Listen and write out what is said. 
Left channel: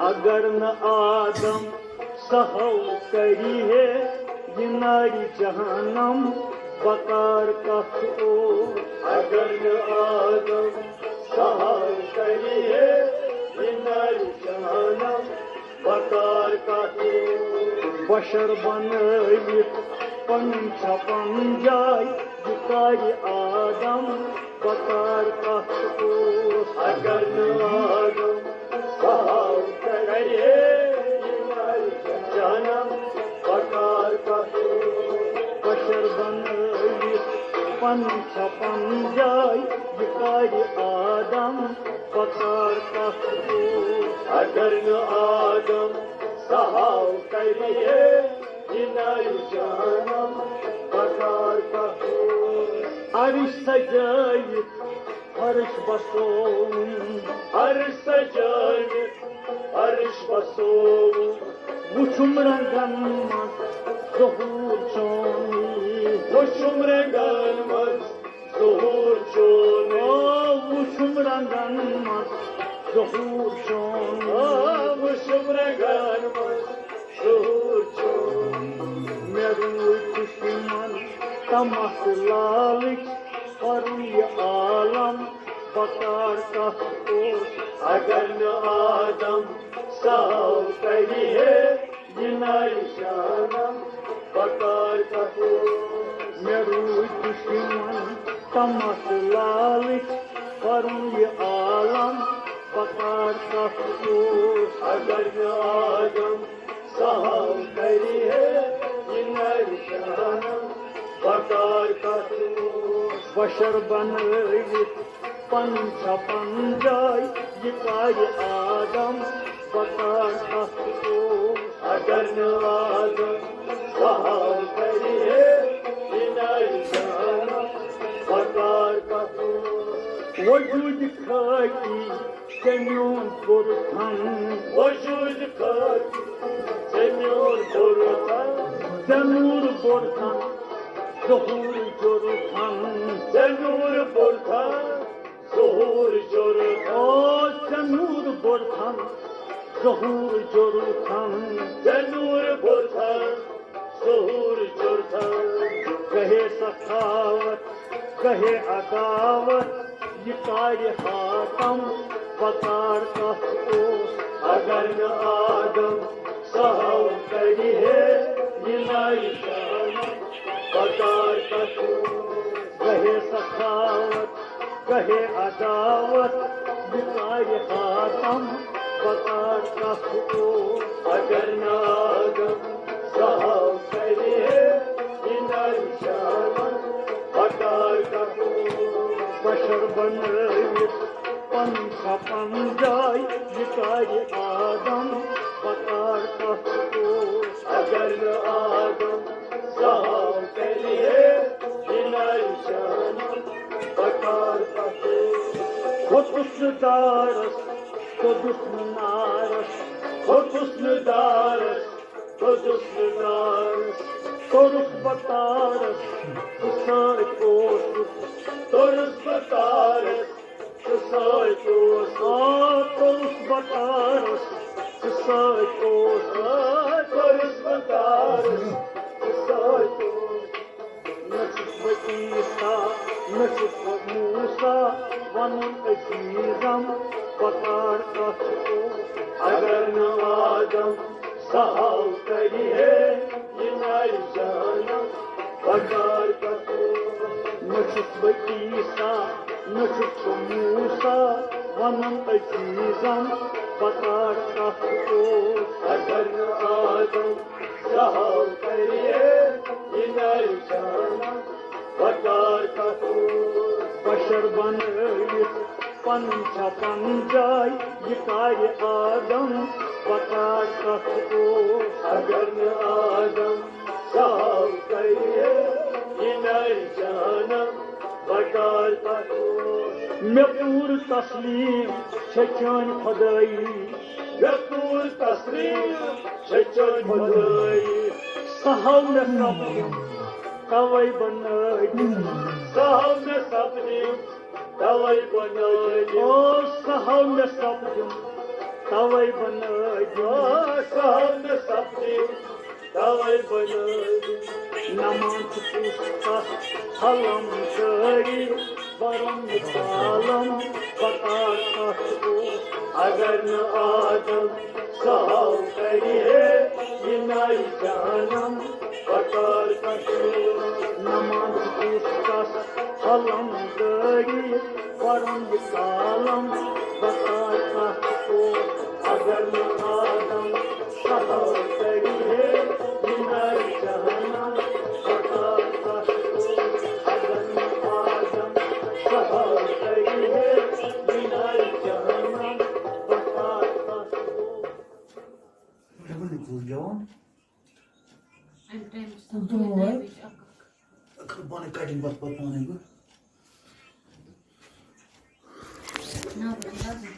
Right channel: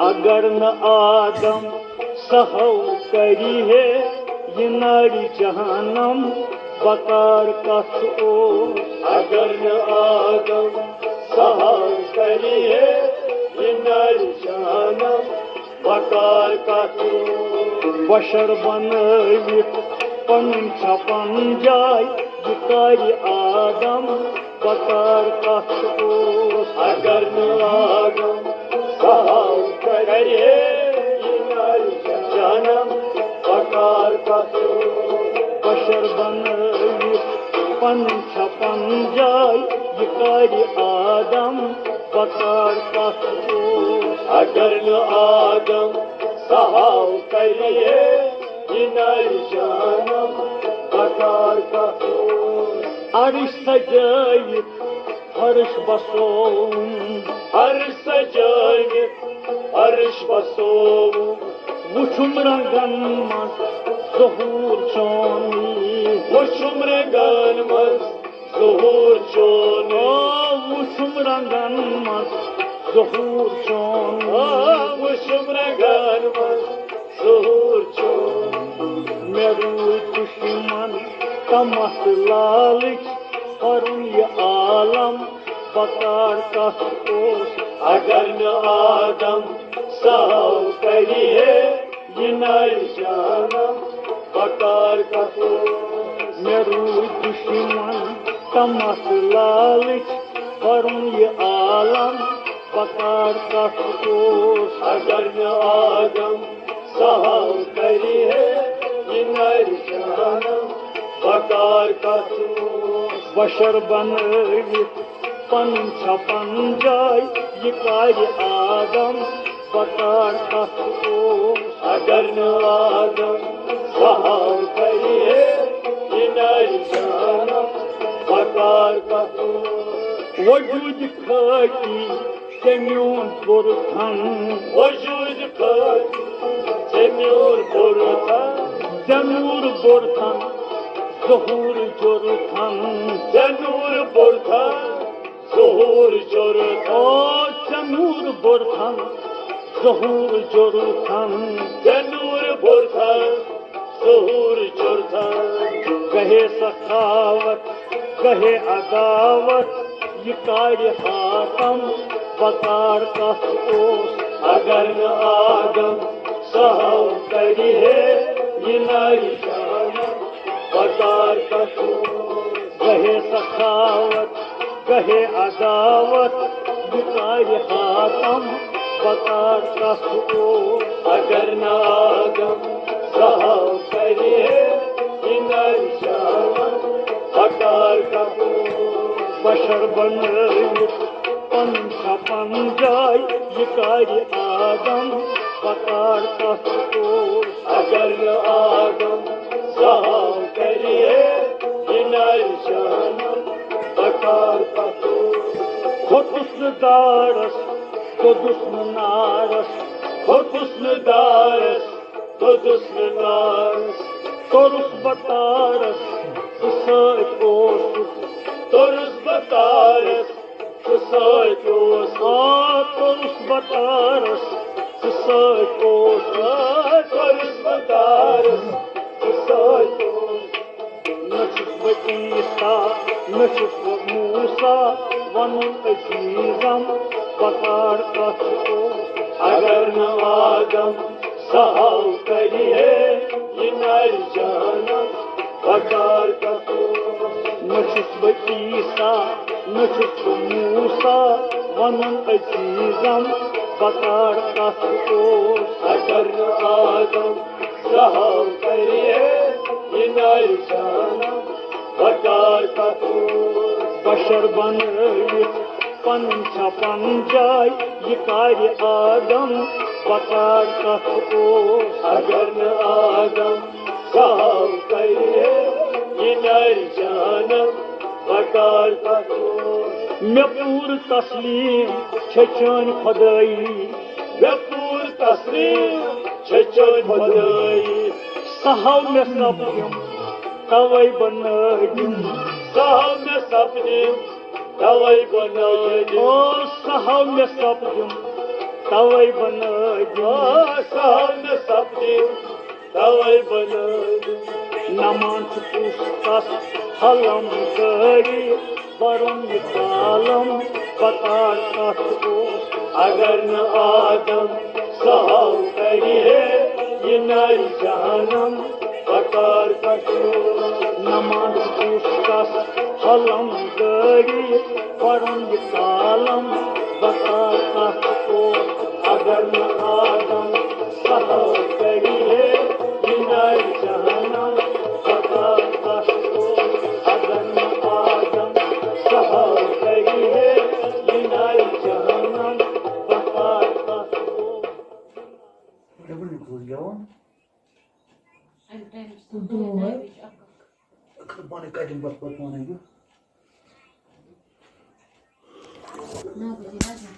अगर न आदम सहौ करी है ये नारी जहानम बकार कथ ओ। अगर न आदम सहौ करी है ये नारी जहानम बकार कथ ओ। बशर बनवित पन छपन जाय ये कारी आदम बकार कथ ओ। अगर न आदम सहौ करी ये नारी जहानम बकार कथ ओ। बशर बनवित पन छपन जाय ये कारी आदम बकार कथ ओ। अगर न आदम सहौ करी ये नारी जहानम बकार कथ ओ। अर्श सजायित फर्श बसों अर्श सजायित अर्श बसों वुछुम रंगन मज ज़हूर चोनी। वुछुम रंगन मज ज़हूर चोनी। वुछुम रंगन मज ज़हूर चोनी। वुछुम रंगन मज ज़हूर चोनी। मे रूय दुश्मन तमस लालच करुन ये आलम बकार कथ ओ। अगर न आदम सहौ करी है ये नारी जहानम बकार कथ ओ। मे रूय दुश्मन तमस लालच करुन ये आलम बकार कथ ओ। अगर न आदम सहौ करी है ये नारी जहानम बकार कथ ओ। बशर बनवित पन छपन जाय ये कारी आदम बकार कथ ओ। अगर न आदम सहौ करी है ये नारी जहानम बकार कथ ओ। वजूद खाकी जम्यून बुरथन वजूद खाकी जम्यून बुरथन। जमूर बुरथन ज़हूर जुरथन। जनूर बुरथन ज़हूर जुरथन। जमूर बुरथन ज़हूर जुरथन। जनूर बुरथन ज़हूर जुरथन। कहे सखावत कहे अदावत ये कारी हातम बकार कथ ओ। अगर न आदम सहौ करी है ये नारी जहानम बकार कथ ओ। कहे सखावत कहे अदावत ये कारी हातम बकार कथ ओ। अगर न आदम सहौ करी है ये नारी जहानम बकार कथ ओ। बशर बनवित पन छपन जाय ये कारी आदम बकार कथ ओ। अगर न आदम सहौ करी है ये नारी जहानम बकार कथ ओ। खुदुस्न दारस तो दुश्मनारस खुदुस्न दारस तो दुश्मनारस। तोरुस बतारस सच ओसुस। तुरुस बतारस सच ओसुस। तोरुस बतारस सच ओसुस। तुरुस बतारस सच ओसुस। न छुस बह ईसा न छुस बह मूसा वनुन अजीजम बकार कथ ओ। अगर न आदम सहौ करी है ये नारी जहानम बकार कथ ओ। न छुस बह ईसा न छुस बह मूसा वनुन अजीजम बकार कथ ओ। अगर न आदम सहौ करी है ये नारी जहानम बकार कथ ओ। बशर बनवित पन छपन जाय ये कारी आदम बकार कथ ओ। अगर न आदम सहौ करी है ये नारी जहानम बकार कथ ओ। मे पूर तस्लीम छन खुदाई। मे पूर तस्लीम छन खुदाई। सहौ मे सपनिम तवै बनैदिम। सहौ मे सपनिम तवै बनैदिम। सहौ मे सपनिम तवै बनदि सहन सपने तवै बनदि नमान पुस्तक हलम करी वरम कालम बकार कष्टो अगर न आदम सहाव करिए यिनाई जहनम बकार कष्टो नमान पुस्तक हलम करी वरम कालम बकार कष्टो अगर न आदम सहाव करिए यिनाई जहनम बकार कष्टो अगर न आदम सहाव करिए यिनाई जहनम बकार कष्टो Hebben we nu goed, Johan? En tijdens de Komt er nog dood een? heb je ook. Ik ga bijna kijken wat man hebben. Nou, dan laat het.